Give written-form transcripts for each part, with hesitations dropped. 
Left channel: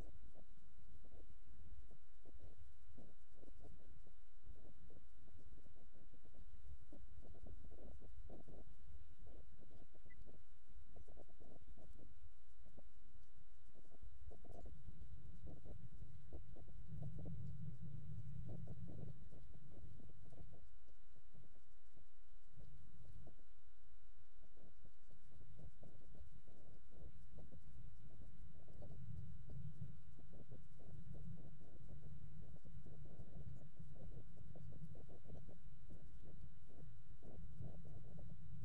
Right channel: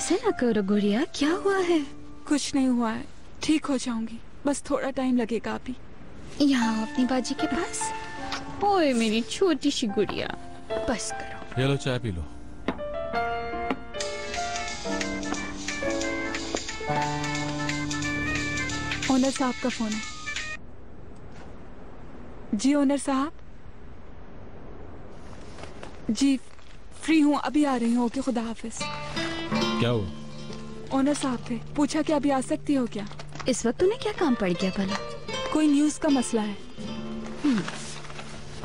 ऐसे ना करो गुड़िया, क्या हुआ है? कुछ नहीं हुआ है, ठीक हो जाऊंगी, बस थोड़ा टाइम लगेगा अभी। यहाँ अपनी बाजी के पास। ओए मेरी छोटी सी गुड़िया, बस करो। ये लो चाय पी लो। ओनर साहब का फोन है। जी ओनर साहब, जी फ्री हूँ, अभी आ रही हूँ। ओके, खुदा हाफिज। क्या हुआ? ओनर साहब थे, पूछा कि अभी आ सकती हो क्या? इस वक्त तूने क्या काम पड़ गया भला? कोई न्यूज़ का मसला है।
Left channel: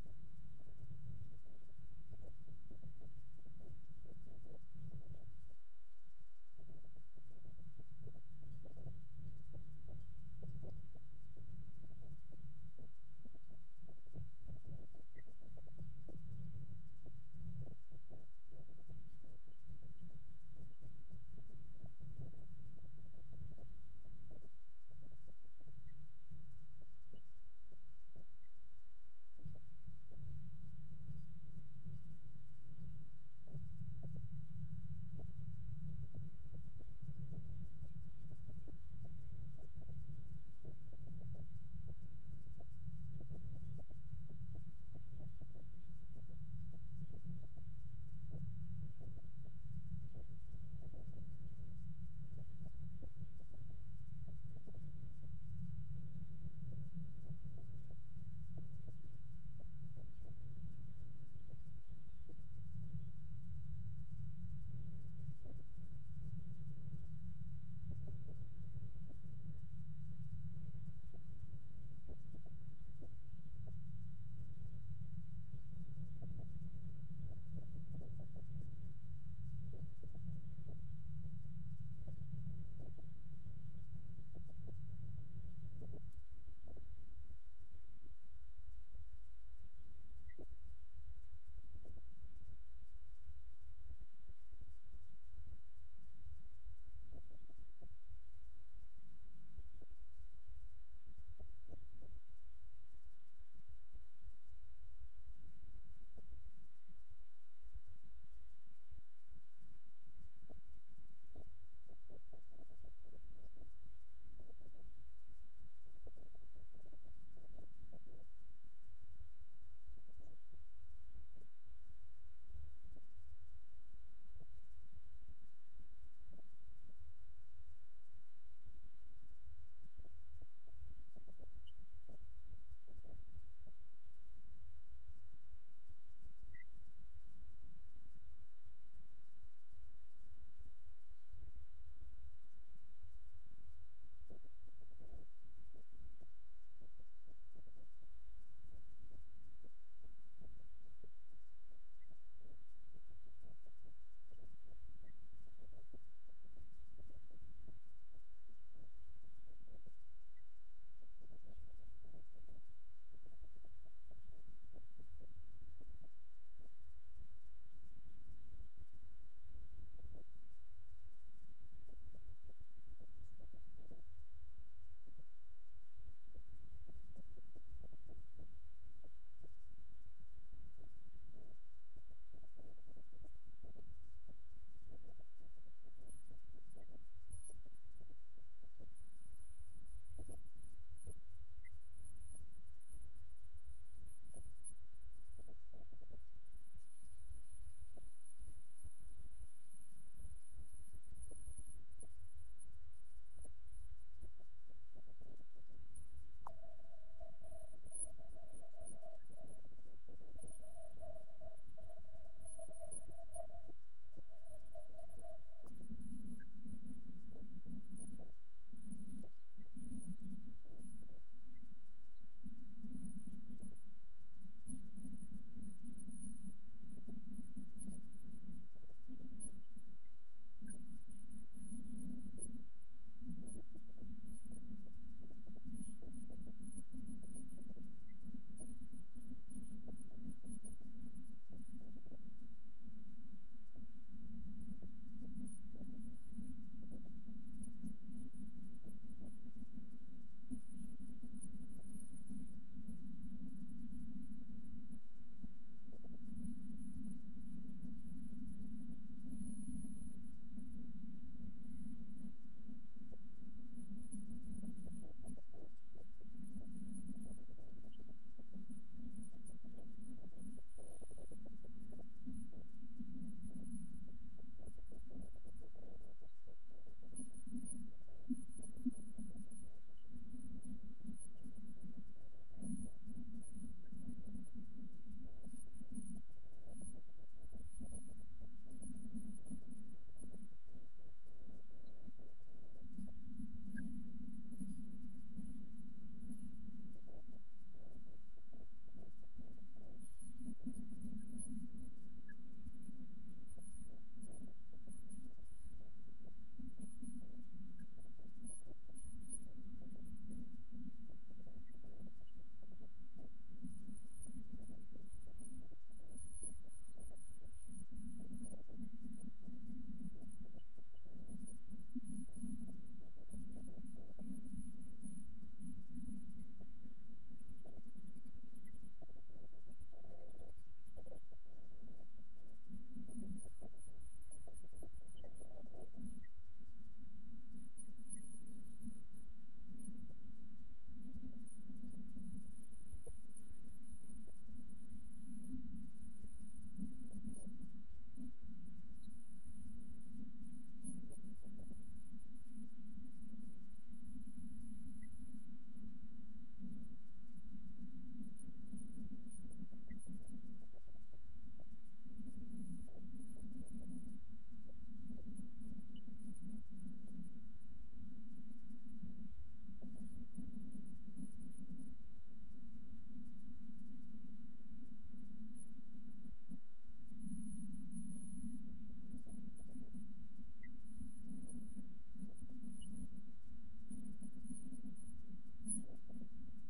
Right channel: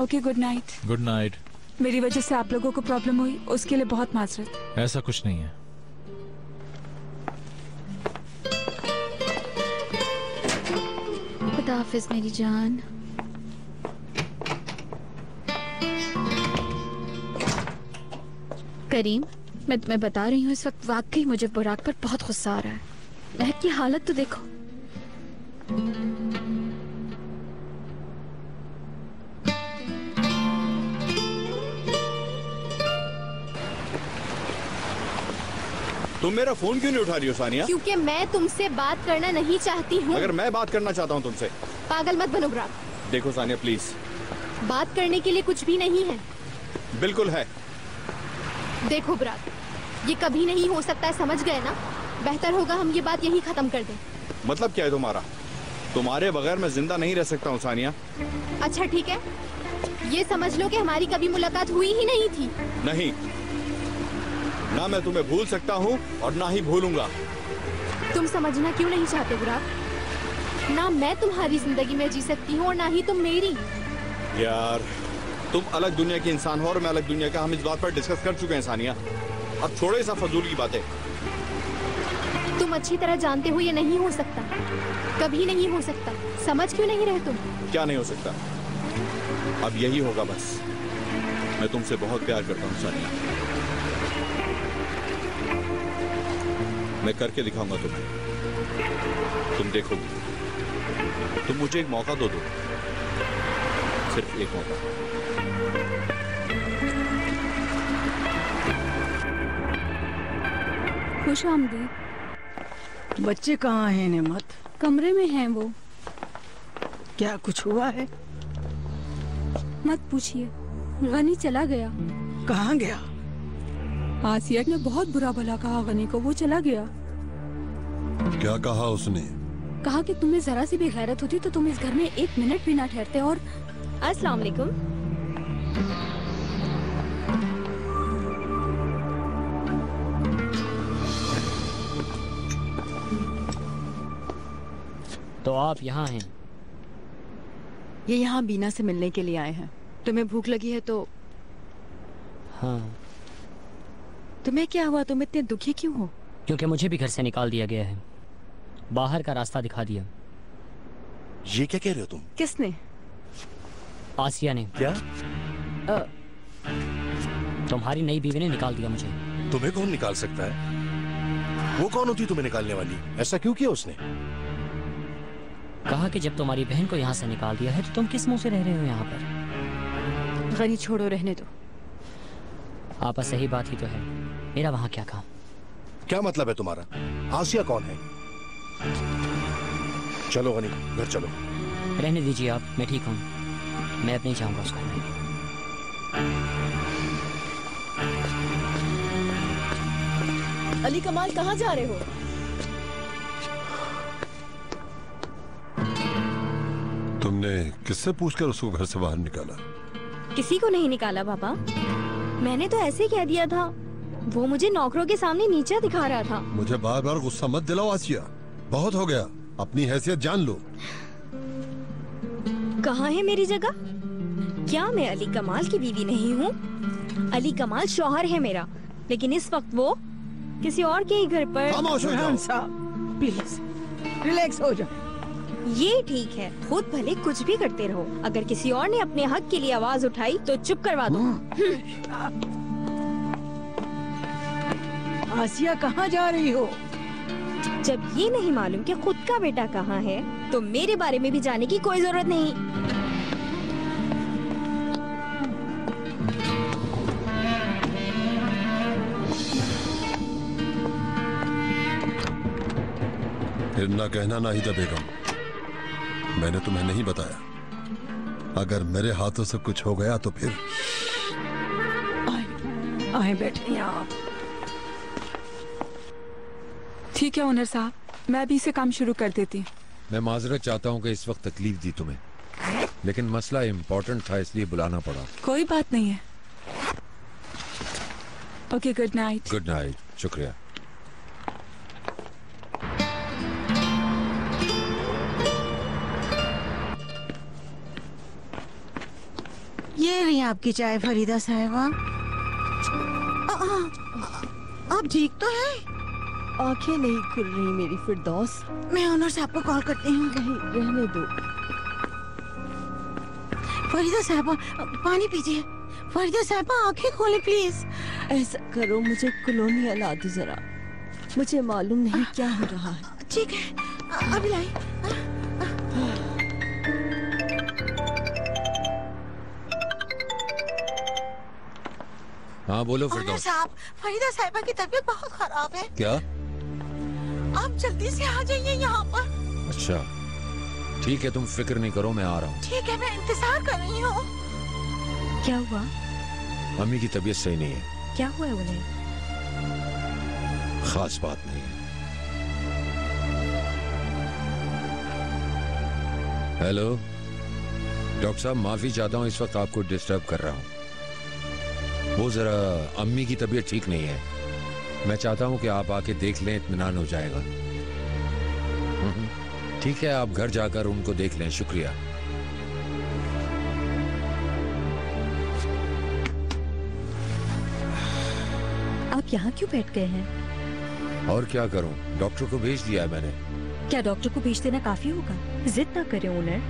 Okay, good night. Good night. मेरी वजह से आप लोगों को प्रॉब्लम हुई, उसके लिए बहुत माजरत। ऐसा कुछ नहीं है। खुदा हाफिज मेरी जान। करीम, मैं तुम्हें बता रही हूँ, इस वक्त वाकई मुझे बुराक पर बहुत गुस्सा आ रहा है। महक की हालत तो देखो। तुम मेरा फोन क्यों नहीं उठा रही हो सानिया? क्योंकि मैं तुमसे बात करना नहीं चाहती हूँ। अगर मैं बात करना चाहता हूँ तुमसे। पागल मत बनो बुराक। देखो सानिया प्लीज। बात करने के लिए कुछ भी नहीं है। बिल्कुल है। देखो बुराक, ये कभी नहीं हो सकता है, समझ गए ना? बेहतर होगा हम ये बात यहीं खत्म कर दें। मतलब क्या है तुम्हारा? तुम्हारे बगैर मैं जिंदा नहीं रह सकता हूँ सानिया। अच्छा ठीक है, ये समझ लो कि हमारी कभी मुलाकात हुई ही नहीं थी। नहीं, ना मैं तुम्हें भूल सकता हूँ और ना ही भूलूंगा। तुम समझना क्यों नहीं चाहते बुराक? ना मैं तुम्हारी जिंदगी में जी सकती हूँ और ना ही तुम मेरी। यार, तुम अलग दुनिया के इंसान हो और मैं अलग दुनिया का। हम इस बात पर डिस्कस कर चुके हैं सानिया, अब छोड़ो ये सब फजूल की बातें। तुम अच्छी तरह जानते हो ये नहीं हो सकता, कभी नहीं हो सकता। समझ क्यों नहीं रहे तुम? क्या नहीं हो सकता? अब यही होगा बस। मैं तुमसे बहुत प्यार करता हूँ सानिया। मैं करके दिखाऊंगा तुम्हें, तुम देखोगी। तुम मुझे एक मौका दो, सिर्फ एक मौका। खुश आमदीद। बच्चे कहाँ हैं नेमत? कमरे में हैं वो। क्या कुछ हुआ है? मत पूछिए, गनी चला गया। कहाँ गया? आसिया ने बहुत बुरा भला कहा गनी को, वो चला गया। क्या कहा उसने? कहा कि तुम्हें जरा सी भी गैरत होती तो तुम इस घर में एक मिनट भी ना ठहरते। और अस्सलाम वालेकुम। तो आप यहाँ हैं? ये यहाँ बीना से मिलने के लिए आए हैं। तुम्हें भूख लगी है तो? हाँ। तुम्हें क्या हुआ? तुम इतने दुखी क्यों हो? क्योंकि मुझे भी घर से निकाल दिया गया है, बाहर का रास्ता दिखा दिया। ये क्या कह रहे हो तुम? किसने? आसिया ने। क्या? तुम्हारी नई बीवी ने निकाल दिया मुझे। तुम्हें कौन निकाल सकता है? वो कौन होती तुम्हें निकालने वाली? ऐसा क्यों किया उसने? कहा कि जब तुम्हारी बहन को यहाँ से निकाल दिया है तो तुम किस मुंह से रह रहे हो यहाँ पर? गनी छोड़ो, रहने दो। आपा सही बात ही तो है, मेरा वहाँ क्या काम? क्या मतलब है तुम्हारा? आसिया कौन है? चलो गनी, घर चलो। रहने दीजिए आप, मैं ठीक हूँ, मैं अब नहीं जाऊंगा उस घर में। अली कमाल, कहाँ जा रहे हो? तुमने किससे पूछकर उसको घर से बाहर निकाला? किसी को नहीं निकाला पापा, मैंने तो ऐसे ही कह दिया था। वो मुझे नौकरों के सामने नीचा दिखा रहा था। मुझे बार बार गुस्सा मत दिलाओ आसिया, बहुत हो गया। अपनी हैसियत जान लो। कहाँ है मेरी जगह? क्या मैं अली कमाल की बीवी नहीं हूँ? अली कमाल शौहर है मेरा, लेकिन इस वक्त वो किसी और के ही घर पर। खामोश हो जाओ। प्लीज रिलैक्स हो जाओ। ये ठीक है, खुद भले कुछ भी करते रहो, अगर किसी और ने अपने हक के लिए आवाज उठाई तो चुप करवा दो। आसिया, कहाँ जा रही हो? जब ये नहीं मालूम कि खुद का बेटा कहाँ है, तो मेरे बारे में भी जाने की कोई जरूरत नहीं। ना कहना नाहिदा बेगम, मैंने तुम्हें नहीं बताया। अगर मेरे हाथों से कुछ हो गया तो फिर। आए बैठे आप। ठीक है ओनर साहब, मैं भी इसे काम शुरू कर देती हूँ। मैं माजरत चाहता हूँ कि इस वक्त तकलीफ दी तुम्हें, लेकिन मसला इम्पोर्टेंट था इसलिए बुलाना पड़ा। कोई बात नहीं है। Okay, good night. Good night, शुक्रिया। ये रही आपकी चाय फरीदा साहिबा। आप ठीक तो हैं? आंखें नहीं खुल रही मेरी फिरदौस। मैं ओनर साहब को कॉल करती हूँ। नहीं, रहने दो। फरीदा साहिबा, पानी पीजिए। फरीदा साहिबा, आंखें खोलें प्लीज। ऐसा करो, मुझे कॉलोनी ला दो जरा। मुझे मालूम नहीं क्या हो रहा है। ठीक है, अभी लाई। हाँ बोलो ओनर फिरदौस। साहब, फरीदा साहिबा की तबीयत बहुत खराब है। क्या? आप जल्दी से आ जाइए यहाँ पर। अच्छा ठीक है, तुम फिक्र नहीं करो, मैं आ रहा हूँ। ठीक है, मैं इंतजार कर रही हूँ। क्या हुआ? अम्मी की तबीयत सही नहीं है। क्या हुआ है उन्हें? खास बात नहीं है। हेलो डॉक्टर साहब, माफी चाहता हूँ इस वक्त आपको डिस्टर्ब कर रहा हूँ। वो जरा अम्मी की तबीयत ठीक नहीं है, मैं चाहता हूँ कि आप आके देख लें, इत्मीनान हो जाएगा। ठीक है, आप घर जाकर उनको देख लें। शुक्रिया। आप यहाँ क्यों बैठ गए हैं? और क्या करूं, डॉक्टर को भेज दिया है मैंने। क्या डॉक्टर को भेज देना काफी होगा? जिद ना करें ओनर।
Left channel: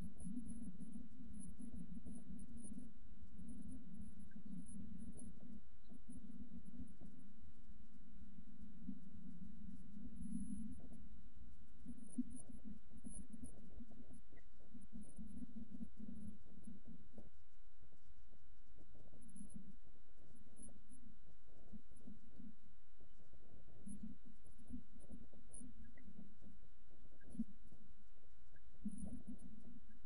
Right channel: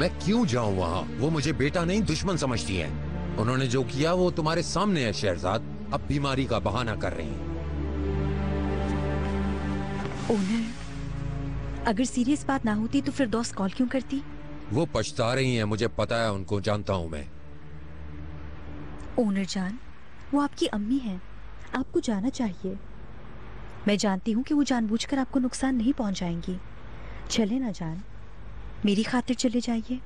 मैं क्यों जाऊं वहां? वो मुझे बेटा नहीं दुश्मन समझती है। उन्होंने जो किया वो तुम्हारे सामने है शहरजाद। अब बीमारी का बहाना कर रही हैं। ओनर, अगर सीरियस बात ना होती तो फिरदौस कॉल क्यों करती? वो पछता रही हैं, मुझे पता है, उनको जानता हूं मैं। ओनर जान, वो आपकी अम्मी हैं, आपको जाना चाहिए। मैं जानती हूँ कि वो जानबूझकर आपको नुकसान नहीं पहुंचाएंगी। चले ना जान, मेरी खातिर चले जाइए।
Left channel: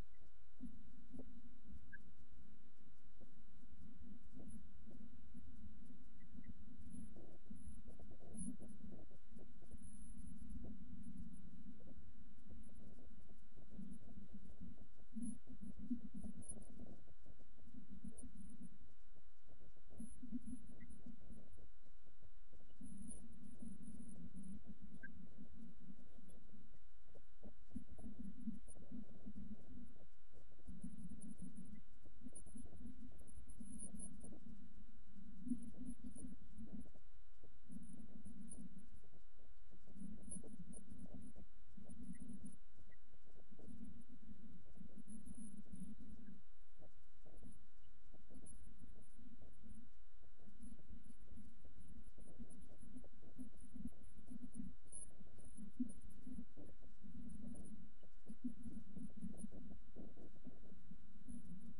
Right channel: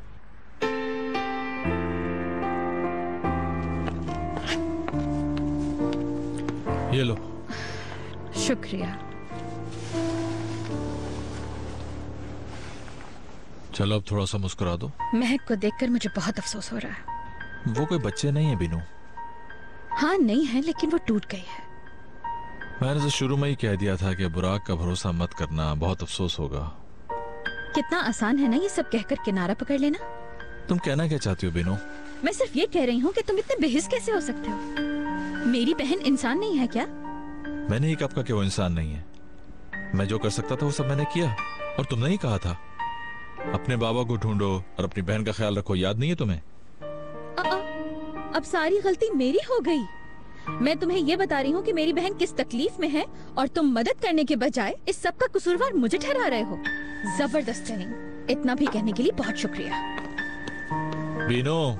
ये लो। शुक्रिया। चलो अब थोड़ा सा मुस्कुरा दो। महक को देखकर मुझे बहुत अफसोस हो रहा है। वो कोई बच्चे नहीं है बीनू। हाँ नहीं है, लेकिन वो टूट गई है। मैंने तो शुरू में ही कह दिया था कि बुराक का भरोसा मत करना, बहुत अफसोस होगा। कितना आसान है ना ये सब कहकर किनारा पकड़ लेना। तुम कहना क्या चाहती हो बीनू? मैं सिर्फ ये कह रही हूँ कि तुम इतने बेहिस कैसे हो सकते हो? मेरी बहन इंसान नहीं है क्या? मैंने ही कब कहा कि वो इंसान नहीं है। मैं जो कर सकता था वो सब मैंने किया। और तुमने ही कहा था अपने बाबा को ढूंढो और अपनी बहन का ख्याल रखो, याद नहीं है तुम्हें? अब सारी गलती मेरी हो गई। मैं तुम्हें ये बता रही हूँ कि मेरी बहन किस तकलीफ में है और तुम मदद करने के बजाय इस सब का कसूरवार मुझे ठहरा रहे हो। जबरदस्त ट्रेनिंग। इतना भी कहने के लिए बहुत शुक्रिया। बीनू,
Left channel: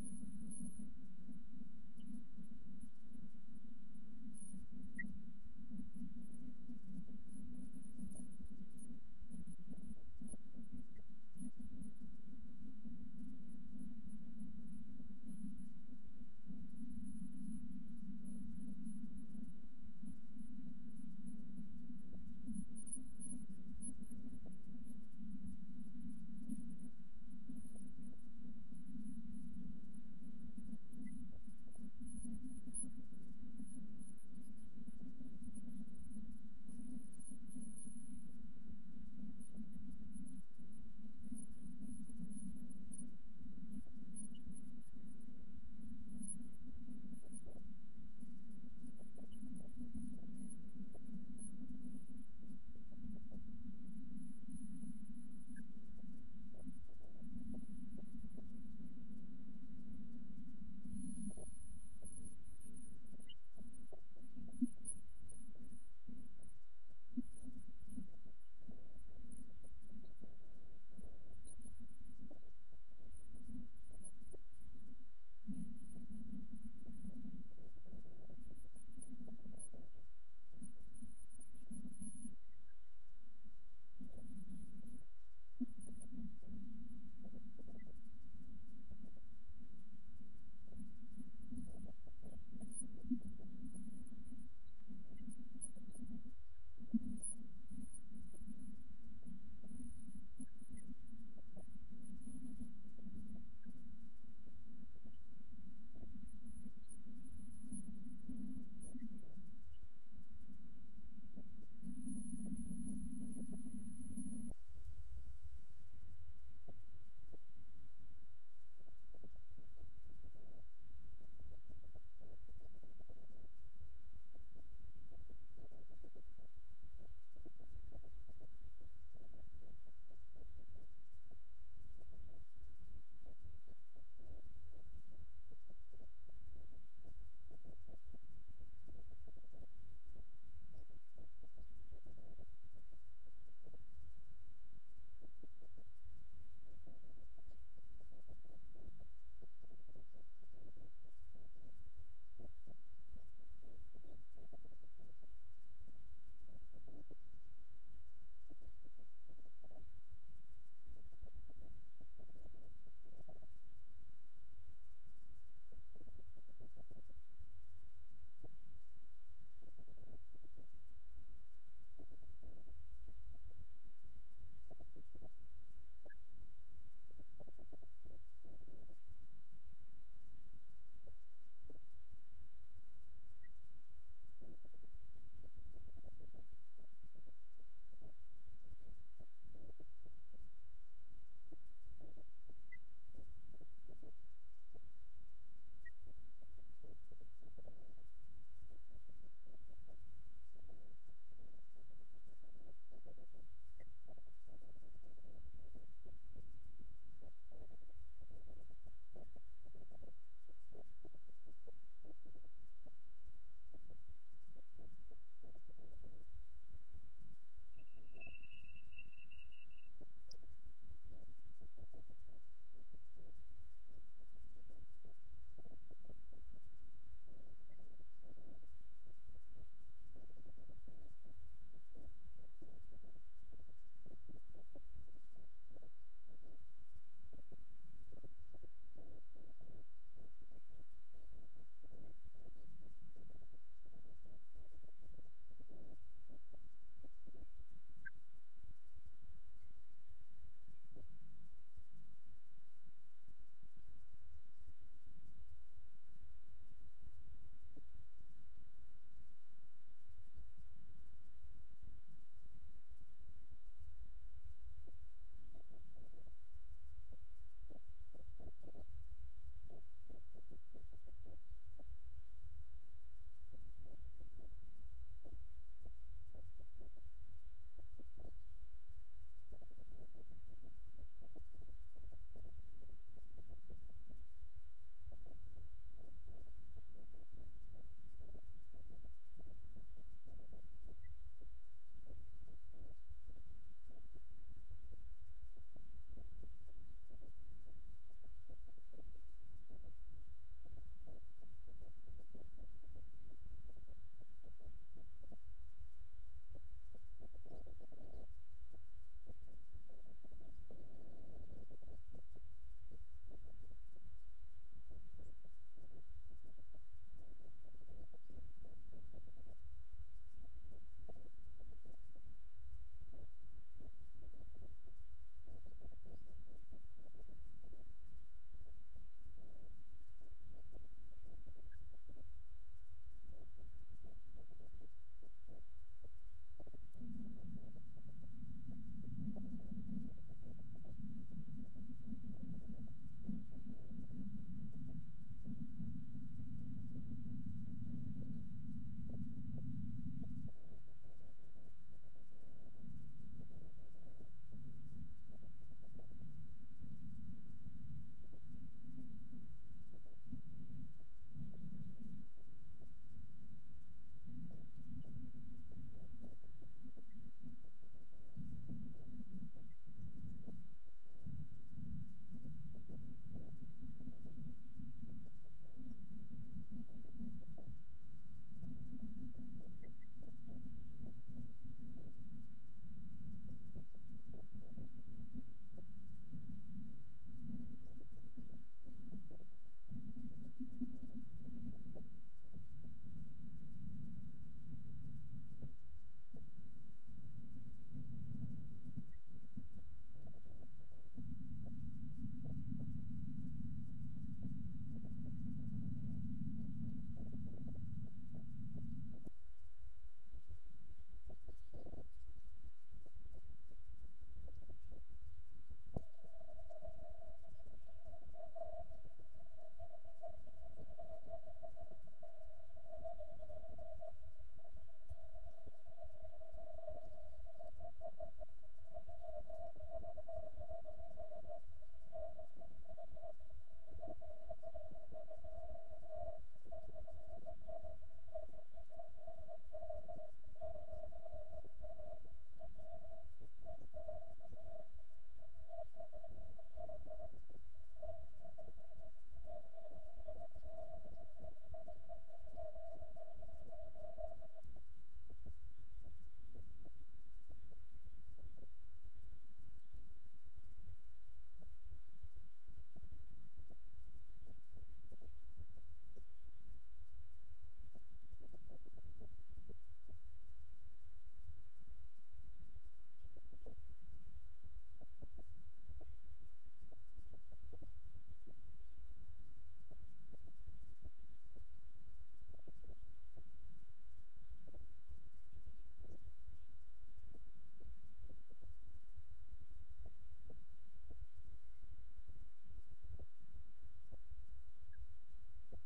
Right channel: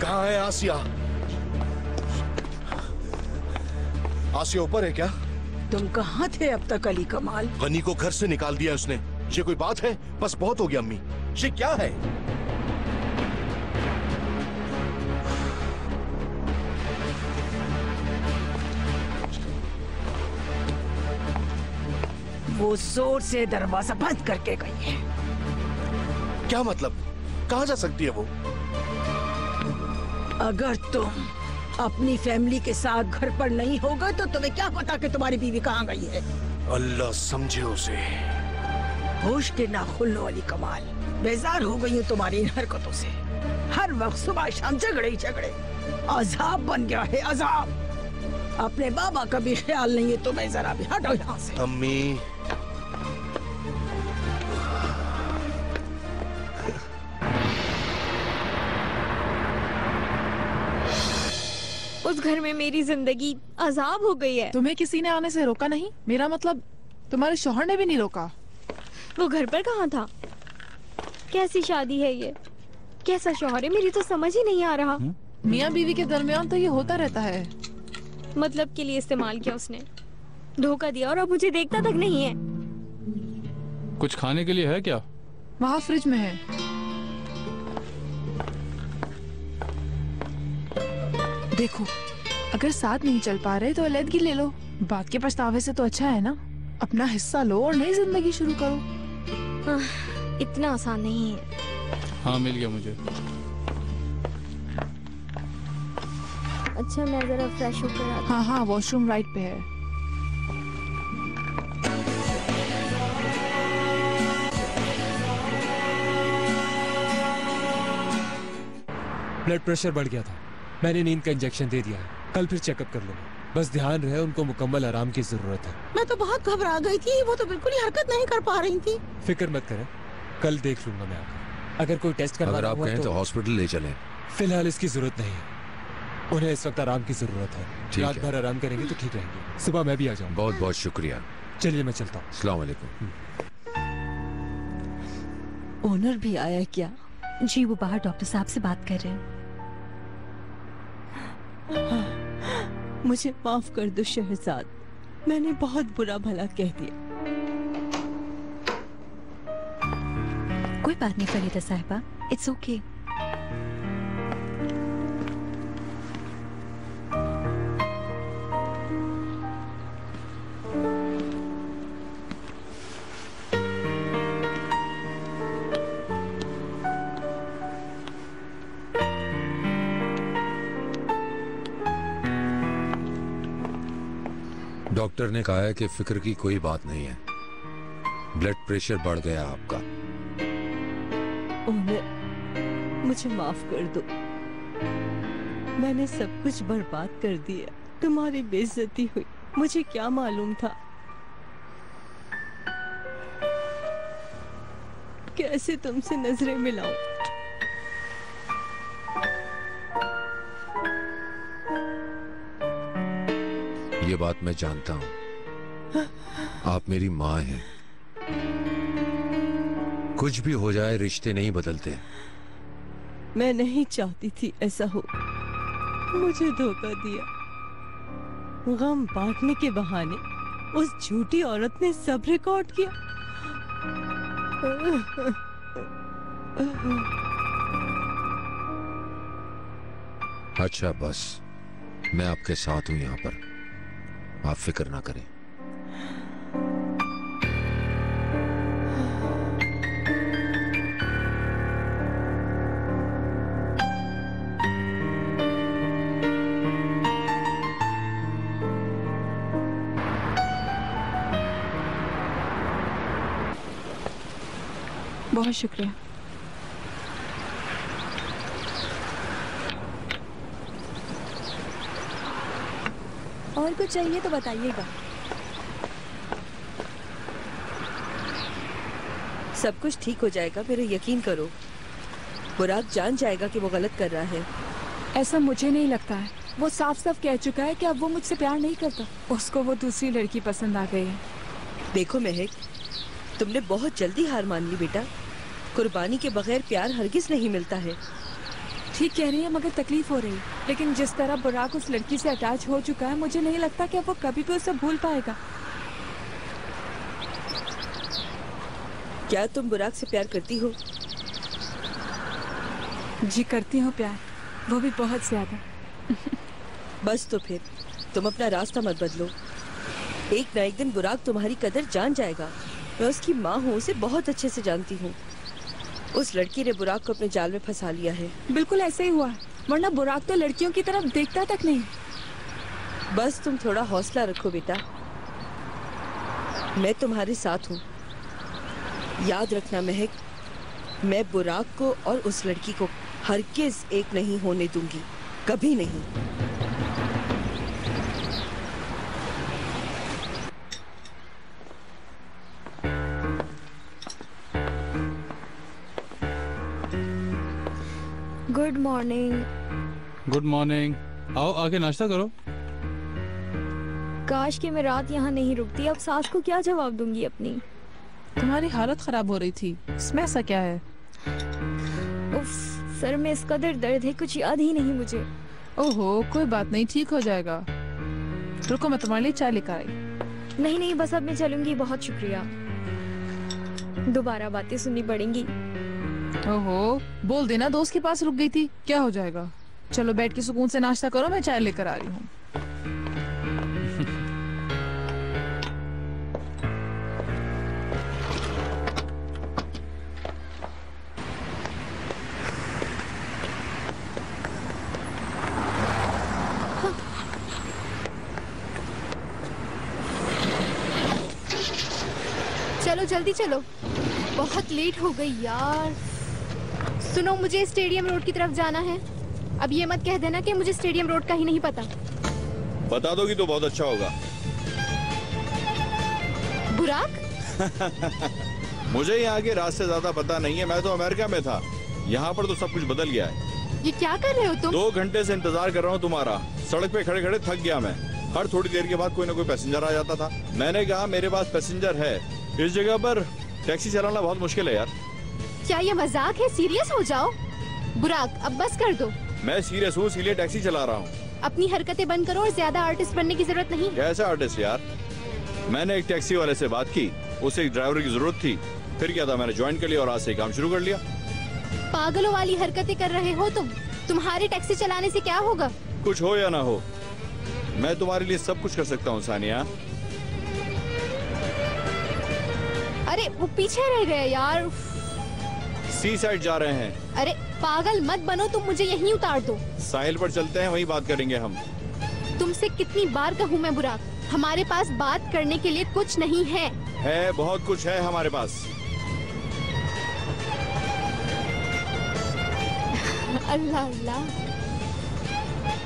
कहाँ है आसिया? आसिया ऊपर है क्या? तुम कहाँ थे अब तक अली कमाल? गनी को घर से निकाल दिया उसने। ये कोई बात है? बस बहुत हो गया अम्मी। ये क्या है? वो जोर से दरवाजा बंद करके गई है। क्या मतलब? कहाँ जा सकती है वो? अगर तुम अपनी फैमिली के साथ घर पर नहीं होगा तो तुम्हें क्या पता कि तुम्हारी बीवी कहाँ गई है? अल्लाह समझे उसे। होश के नाखुल्लों वाली कमाल, बेजार हो गई हूँ तुम्हारी इन हरकतों से। हर वक्त सुबह शाम झगड़े ही झगड़े। अजाब बन गया है, अजाब। अपने बाबा का भी ख्याल नहीं है तुम्हें। जरा भी हटो यहाँ से। अम्मी, उस घर में मेरी जिंदगी अजाब हो गई है। तुम्हें किसी ने आने से रोका नहीं? मेरा मतलब तुम्हारे शौहर ने भी नहीं रोका। वो घर पर कहाँ था? कैसी शादी है ये? कैसा शौहर है? मेरी तो समझ ही नहीं आ रहा। मियाँ बीवी के दरमियान तो ये होता रहता है। मतलब के लिए इस्तेमाल किया उसने, धोखा दिया और अब मुझे देखता तक नहीं है। कुछ खाने के लिए है क्या? वहाँ फ्रिज में है। देखो, अगर साथ नहीं चल पा रहे तो अलग ले लो। बात के पछतावे से तो अच्छा है ना, अपना हिस्सा लो और नई जिंदगी शुरू करो। इतना आसान नहीं है। हाँ मिल गया मुझे। अच्छा मैं जरा फ्रेश होकर आती हूँ। हाँ हाँ, वॉशरूम राइट पे है। ब्लड प्रेशर बढ़ गया था, मैंने नींद का इंजेक्शन दे दिया है, कल फिर चेकअप कर लूंगा। बस ध्यान रहे, उनको मुकम्मल आराम की जरूरत है। मैं तो बहुत घबरा गई थी, वो तो बिल्कुल ही हरकत नहीं कर पा रही थी। फिक्र मत करें, कल देख लूंगा मैं आकर। अगर कोई टेस्ट करवाना अगर आप हुआ कहें तो हॉस्पिटल ले चलें। फिलहाल इसकी जरूरत नहीं है, उन्हें इस वक्त आराम की जरूरत है। रात भर आराम करेंगे तो ठीक रहेंगे, सुबह मैं भी आ जाऊंगा। बहुत बहुत शुक्रिया। चलिए मैं चलता हूँ। अस्सलाम वालेकुम। ओनर भी आया क्या? जी वो बाहर डॉक्टर साहब से बात कर रहे हैं। मुझे माफ कर दो शहजाद, मैंने बहुत बुरा भला कह दिया। कोई बात नहीं फरीदा साहिबा, इट्स ओके। डॉक्टर ने कहा है कि फिक्र की कोई बात नहीं है, ब्लड प्रेशर बढ़ गया आपका। ओनर, मुझे माफ कर दो, मैंने सब कुछ बर्बाद कर दिया, तुम्हारी बेइज्जती हुई, मुझे क्या मालूम था। कैसे तुमसे नजरें मिलाऊं? ये बात मैं जानता हूं, आप मेरी माँ हैं। कुछ भी हो जाए रिश्ते नहीं बदलते। मैं नहीं चाहती थी ऐसा हो, मुझे धोखा दिया। गम बांटने के बहाने उस झूठी औरत ने सब रिकॉर्ड किया। अच्छा बस, मैं आपके साथ हूं यहाँ पर, आप फिक्र ना करें। बहुत शुक्रिया। और कुछ चाहिए तो बताइएगा। सब कुछ ठीक हो जाएगा, मेरे यकीन करो। बुराक जान जाएगा कि वो गलत कर रहा है। ऐसा मुझे नहीं लगता है, वो साफ साफ कह चुका है कि अब वो मुझसे प्यार नहीं करता, उसको वो दूसरी लड़की पसंद आ गई है। देखो महक, तुमने बहुत जल्दी हार मान ली बेटा। कुर्बानी के बगैर प्यार हरगिज नहीं मिलता है। ठीक कह रही है, मगर तकलीफ हो रही है। लेकिन जिस तरह बुराक उस लड़की से अटैच हो चुका है, मुझे नहीं लगता कि अब वो कभी भी उसे भूल पाएगा। क्या तुम बुराक से प्यार करती हो? जी करती हूँ प्यार, वो भी बहुत ज्यादा। बस तो फिर तुम अपना रास्ता मत बदलो। एक ना एक दिन बुराक तुम्हारी कदर जान जाएगा। मैं उसकी माँ हूँ, उसे बहुत अच्छे से जानती हूँ। उस लड़की ने बुराक को अपने जाल में फंसा लिया है। बिल्कुल ऐसे ही हुआ, वरना बुराक तो लड़कियों की तरफ देखता तक नहीं। बस तुम थोड़ा हौसला रखो बेटा, मैं तुम्हारे साथ हूँ। याद रखना महक, मैं बुराक को और उस लड़की को हरगिज एक नहीं होने दूंगी, कभी नहीं। Good morning. Good morning. आओ आके नाश्ता करो। काश कि मैं रात यहाँ नहीं रुकती, अब सास को क्या जवाब दूंगी अपनी। तुम्हारी हालत खराब हो रही थी, इसमें ऐसा क्या है? उफ, सर में इस कदर दर्द है, कुछ याद ही नहीं मुझे। ओहो, कोई बात नहीं, ठीक हो जाएगा। रुको, मैं तुम्हारे लिए चाय लेकर आई। नहीं नहीं, बस अब मैं चलूंगी, बहुत शुक्रिया। दोबारा बातें सुननी पड़ेंगी। ओहो, बोल देना दोस्त के पास रुक गई थी, क्या हो जाएगा। चलो बैठ के सुकून से नाश्ता करो, मैं चाय लेकर आ रही हूँ। चलो जल्दी चलो, बहुत लेट हो गई यार। सुनो, मुझे स्टेडियम रोड की तरफ जाना है। अब ये मत कह देना कि मुझे स्टेडियम रोड का ही नहीं पता। बता दोगी तो बहुत अच्छा होगा। बुराक? मुझे यहाँ के रास्ते ज्यादा पता नहीं है, मैं तो अमेरिका में था। यहाँ पर तो सब कुछ बदल गया है। ये क्या कर रहे हो तुम? 2 घंटे से इंतजार कर रहा हूँ तुम्हारा। सड़क पे खड़े खड़े थक गया मैं। हर थोड़ी देर के बाद कोई ना कोई पैसेंजर आ जाता था। मैंने कहा मेरे पास पैसेंजर है, इस जगह पर टैक्सी चलाना बहुत मुश्किल है यार। क्या ये मजाक है? सीरियस हो जाओ। बुराक, अब बस कर दो। मैं सीरियस हूँ, इसीलिए टैक्सी चला रहा हूँ। अपनी हरकतें बंद करो और ज्यादा आर्टिस्ट बनने की जरूरत नहीं। कैसा आर्टिस्ट यार? मैंने एक टैक्सी वाले से बात की, उसे एक ड्राइवर की जरूरत थी। फिर क्या था, मैंने ज्वाइन कर लिया और आज से काम शुरू कर लिया। पागलों वाली हरकतें कर रहे हो तुम। तुम्हारी टैक्सी चलाने से क्या होगा? कुछ हो या ना हो, मैं तुम्हारे लिए सब कुछ कर सकता हूँ सानिया। अरे वो पीछे रह गए यार। सी साइड जा रहे हैं। अरे पागल मत बनो, तुम मुझे यहीं उतार दो। साहिल पर चलते हैं, वहीं बात करेंगे हम। तुमसे कितनी बार कहूँ मैं बुराक, हमारे पास बात करने के लिए कुछ नहीं है। है, बहुत कुछ है हमारे पास। अल्लाह अल्लाह,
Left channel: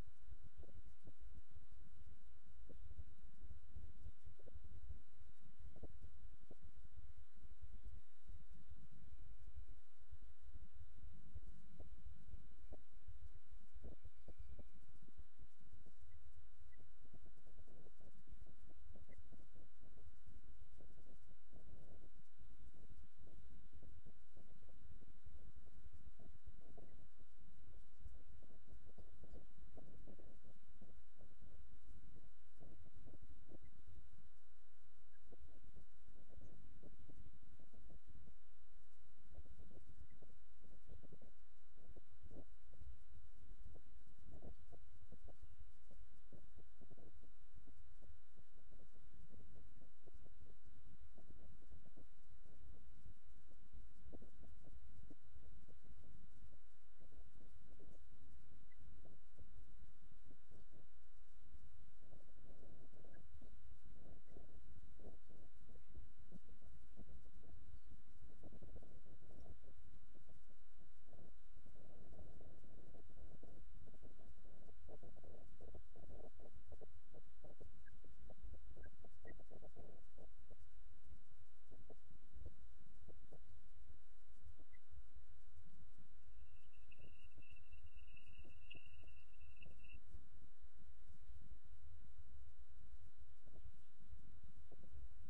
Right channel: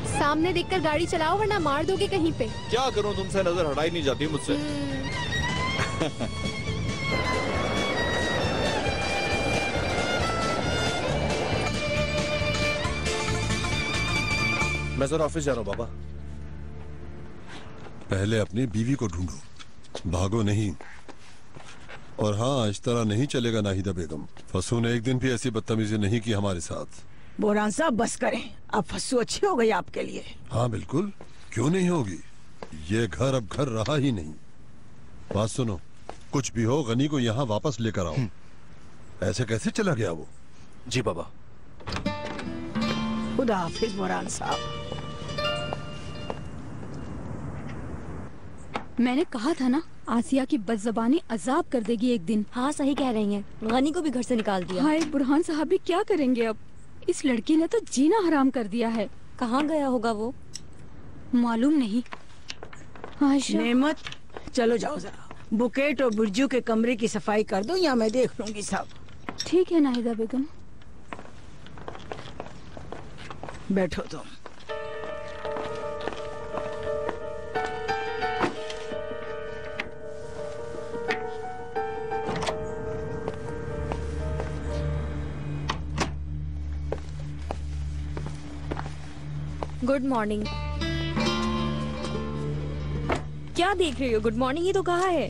सामने देखकर गाड़ी चलाओ वरना मार दोगे कहीं पे। क्या करूं, तुमसे नजर हटाई नहीं जाती मुझसे। मैं जरा ऑफिस जा रहा हूँ बाबा। पहले अपनी बीवी को ढूंढो, भागो नहीं। और हाँ, इस तरह नहीं चलेगा नाहिदा बेगम। फसू ने एक दिन भी ऐसी बदतमीजी नहीं की हमारे साथ। बोरान साहब बस करें, अब फस्सू अच्छी हो गई आपके लिए। हाँ बिल्कुल, क्यों नहीं होगी। ये घर अब घर रहा ही नहीं। बात सुनो, कुछ भी हो गनी को यहाँ वापस लेकर आओ। ऐसे कैसे चला गया वो? जी बाबा। खुदा हाफिज बोरान साहब। मैंने कहा था ना, आसिया की बदज़बानी अजाब कर देगी एक दिन। हाँ सही कह रही हैं, गनी को भी घर से निकाल दिया। हाय, बुरहान साहब भी क्या करेंगे अब? इस लड़की ने तो जीना हराम कर दिया है। कहाँ गया होगा वो? मालूम नहीं। आयशा, नेमत, चलो जाओ जरा बुकेट और बुर्जू के कमरे की सफाई कर दो, या मैं देख लूंगी सब। ठीक है नाहिदा बेगम। बैठो तुम। Good morning. क्या देख रही हो? गुड मॉर्निंग ही तो कहा है।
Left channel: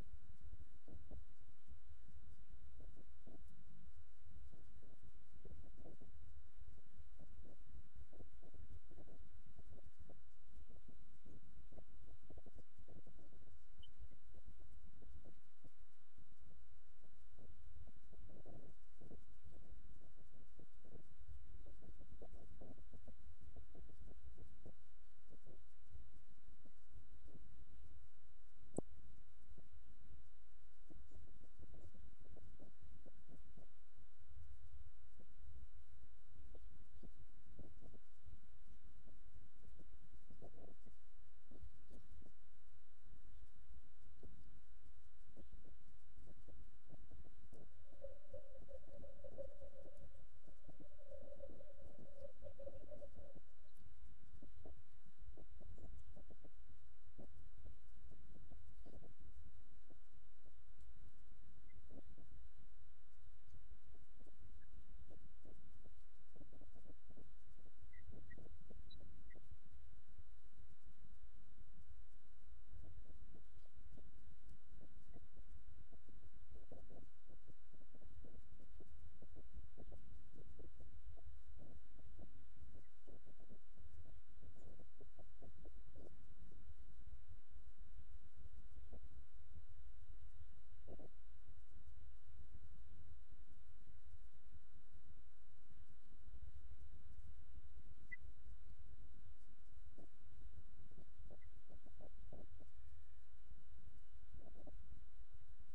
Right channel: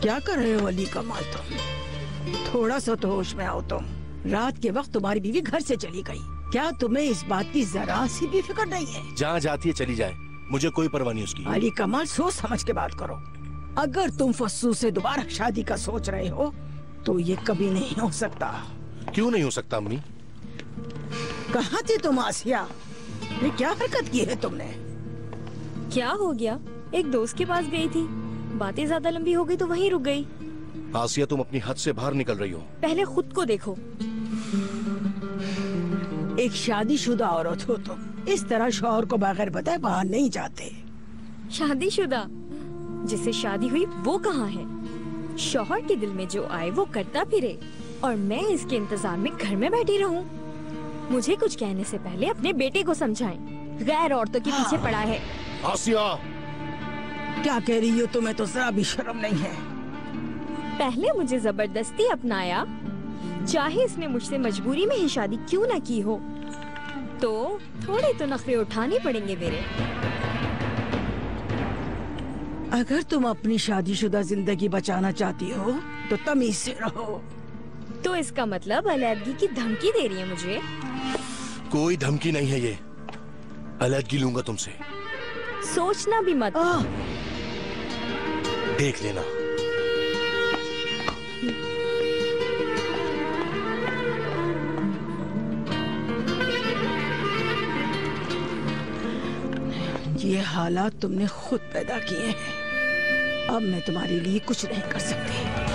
क्या कर रहे हो अली कमाल तुम? थोड़ा सा तो होश में आओ तुम। रात के वक्त तुम्हारी बीवी घर से चली गई, क्या तुम्हें इस बात की जरा सी भी फिक्र नहीं है? जहाँ जाती है चली जाए, मुझे कोई परवाह नहीं उसकी। अली कमाल, सोच समझ के बात करो। अगर तुम फस्सू से दोबारा शादी का सोच रहे हो तो ये कभी नहीं हो सकता। क्यों नहीं हो सकता अम्मी? कहाँ थी तुम आसिया? ये क्या हरकत की है तुमने? क्या हो गया? एक दोस्त के पास गई थी, बातें ज्यादा लंबी हो गई तो वहीं रुक गई। आसिया, तुम अपनी हद से बाहर निकल रही हो। पहले खुद को देखो। एक शादीशुदा औरत हो तुम, इस तरह शौहर को बगैर बताए बाहर नहीं जाते। शादीशुदा? जिससे शादी हुई वो कहाँ है? शौहर के दिल में जो आए वो करता फिरे और मैं इसके इंतजार में घर में बैठी रहूं? मुझे कुछ कहने से पहले अपने बेटे को समझाएं, गैर औरतों के पीछे पड़ा है। आसिया, क्या कह रही हो? तुम्हें तो जरा भी शर्म नहीं है। पहले मुझे जबरदस्ती अपनाया, चाहे इसने मुझसे मजबूरी में ही शादी क्यों ना की हो, तो थोड़े तो नखरे उठाने पड़ेंगे मेरे। अगर तुम अपनी शादीशुदा जिंदगी बचाना चाहती हो तो तमीज से रहो। तो इसका मतलब अलैदगी की धमकी दे रही है मुझे? कोई धमकी नहीं है ये, अलग लूंगा तुमसे। सोचना भी मत। देख लेना। ये हालात तुमने खुद पैदा किए हैं। अब मैं तुम्हारे लिए कुछ नहीं कर सकती।